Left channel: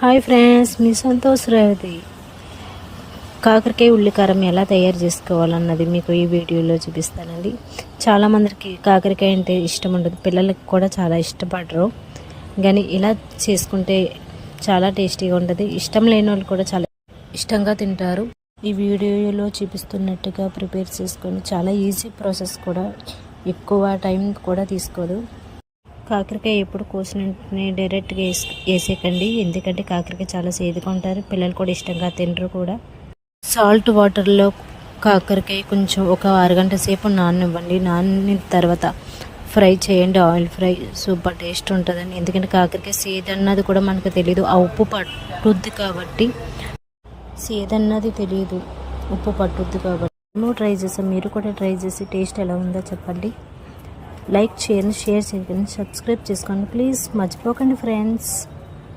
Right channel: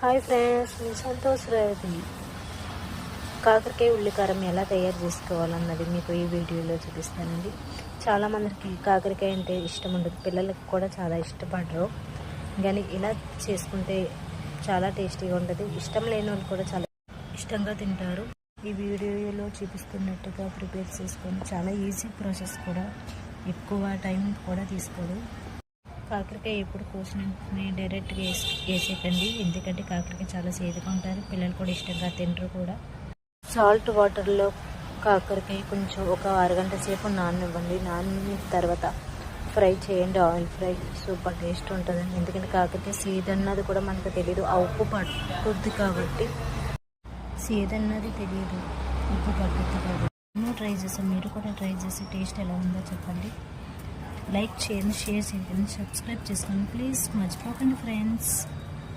Hi friends, మీ సంతోష్ రేవతి. కాకరకాయ ఉల్లికారం ఎలా తయారు చేసుకోవాలన్నది మీకు ఈ వీడియోలో చూపిస్తానండి. చాలామందికి కాకరకాయ అంటే ఇష్టం ఉండదు, పిల్లలకి కూడా చాలా ఇష్టపడరు. కానీ ఇలా చేసుకుంటే చాలా టేస్టీగా ఉంటుంది. ఇష్టం లేని వాళ్ళు కూడా చాలా ఇష్టంగా తింటారు. ఈ వీడియోలో చూపిస్తున్నట్టుగా ప్రిపేర్ చేసుకొని చాలా ఈజీ ప్రాసెస్ కూడా, ఎక్కువ టైం కూడా తీసుకోదు. కాకరకాయ ఎప్పుడు కోసిన డైరెక్ట్గా వేసేకండి, ఎందుకంటే కాకరకాయ చాలా సేదుగా ఉంటారు, పిల్లలు కూడా ఇష్టంగా తినరు కూడా. సాల్ట్ వాటర్లో కాకరకాయ కొంచెం ఒక అరగంట సేపు నాననివ్వండి. నానిన తర్వాత ఫ్రై చేయండి, ఆయిల్ ఫ్రై. సూపర్ టేస్ట్ ఉంటుందండి. ఎందుకంటే కాకరకాయ సేదన్నది కూడా మనకు తెలియదు, ఆ ఉప్పు పట్టుద్ది కాబట్టి. సేదన్నది తెలియదు, ఉప్పు పట్టుద్ది కాబట్టి. మేము ట్రై చేసాం, మీరు కూడా ట్రై చేసి టేస్ట్ ఎలా ఉందో చెప్పండి. లైక్ చేయండి, షేర్ చేయండి, సబ్స్క్రైబ్ చేసుకోండి ప్లీజ్, మర్చిపోకండి ఫ్రెండ్స్.